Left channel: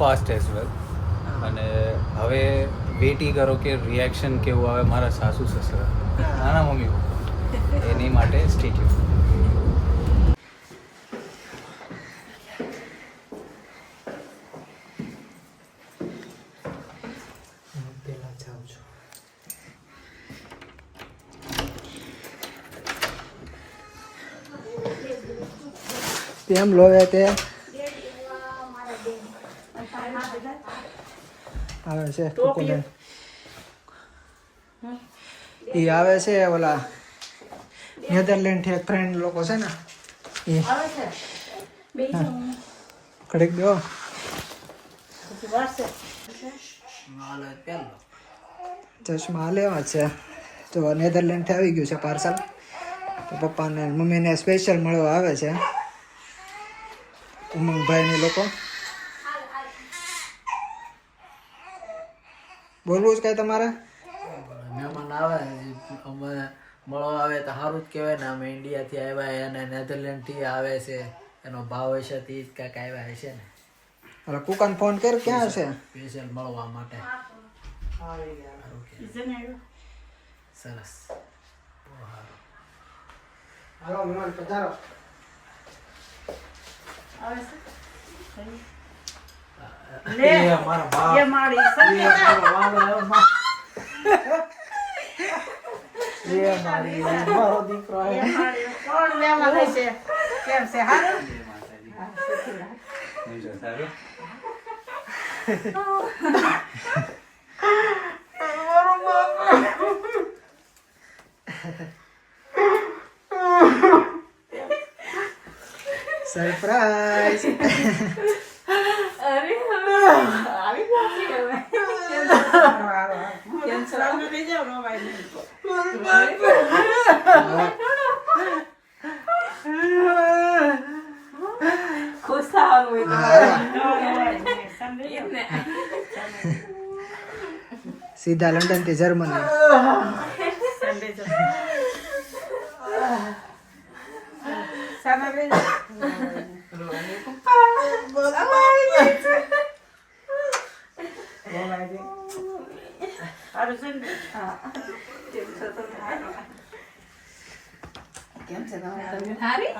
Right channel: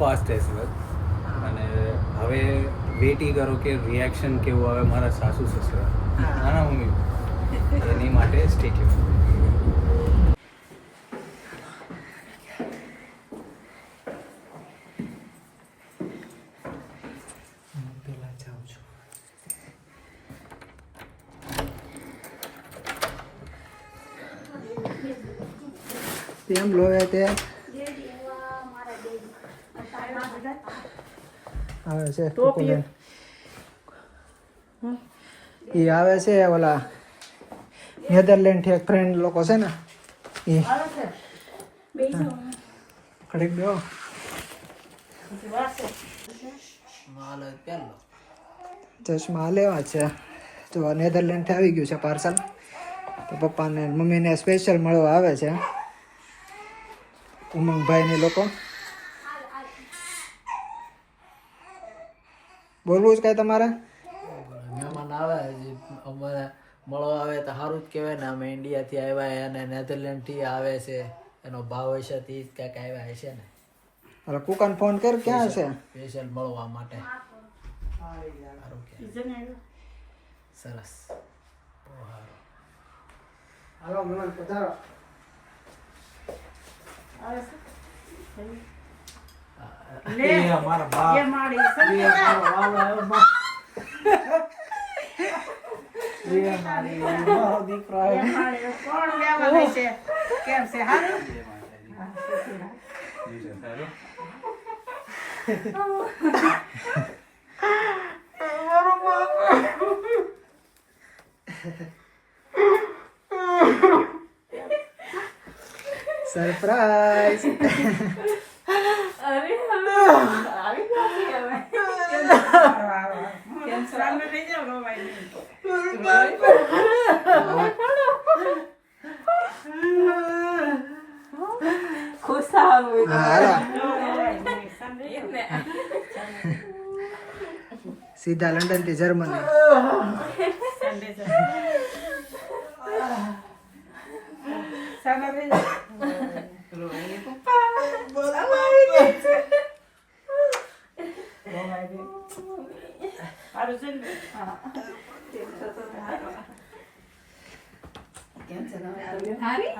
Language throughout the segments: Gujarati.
Fast as well. અને હવે વેઇટી કરો કે રિએક્શન કેવું આવે મારા સાસુ સસરા નાના મમ્મી એની માટે સ્ટે ટ્યુન. પેલા જાઉં છું. તેમ લોવે તે આવે છે કોકોલેન એ આવે છે ઓલા નેધરલેન્ડ થી એક ફ્રેન્ડ લોકો છે ને એ કડીક દો ચશ્મા લેવા છે તો નેધરલેન્ડ થી આવી ગયું છે પાર્સલ. તો પપ્પાને મમ્મીને સ્પેશિયલ મળવા આવે છે ઉમંગભાઈ ને લોકો. બોલવું જ કઈ તમારે? મહેમાન આવે અમારે મળવા આવે તો સારું જ કહેવાય ને. અમે ઇન્ડિયાથી આવ્યા અને નેધરલેન્ડથી આવે છે એનો ભાવ હશે તે જ કાંઈક આવ્યા હશે ને. અરે કુકાન ફોન કર ક્યાં છે? સ્પેશિયલ મળવા માટે. સરસ બહુ સારું. દીકરો કેમ છે હારું? સરપ્રાઈઝ. ખુશ થવાનું સીધા લંડન થી જર્મની. કેમ છે તમારી હારી?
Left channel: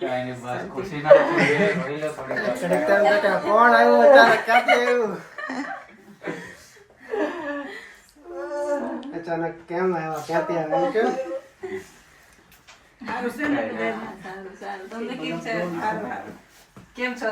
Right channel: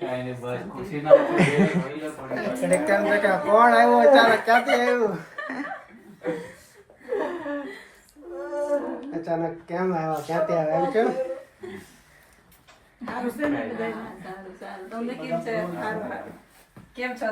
કાંઈ બસ ખુશીના કોણ આવ્યો અચાનક? ક્યાંથી આવ્યું? અચાનક કેમ આવ્યો? ક્યાંથી આવ્યો? કેમ હારું છે ને? કેમ છો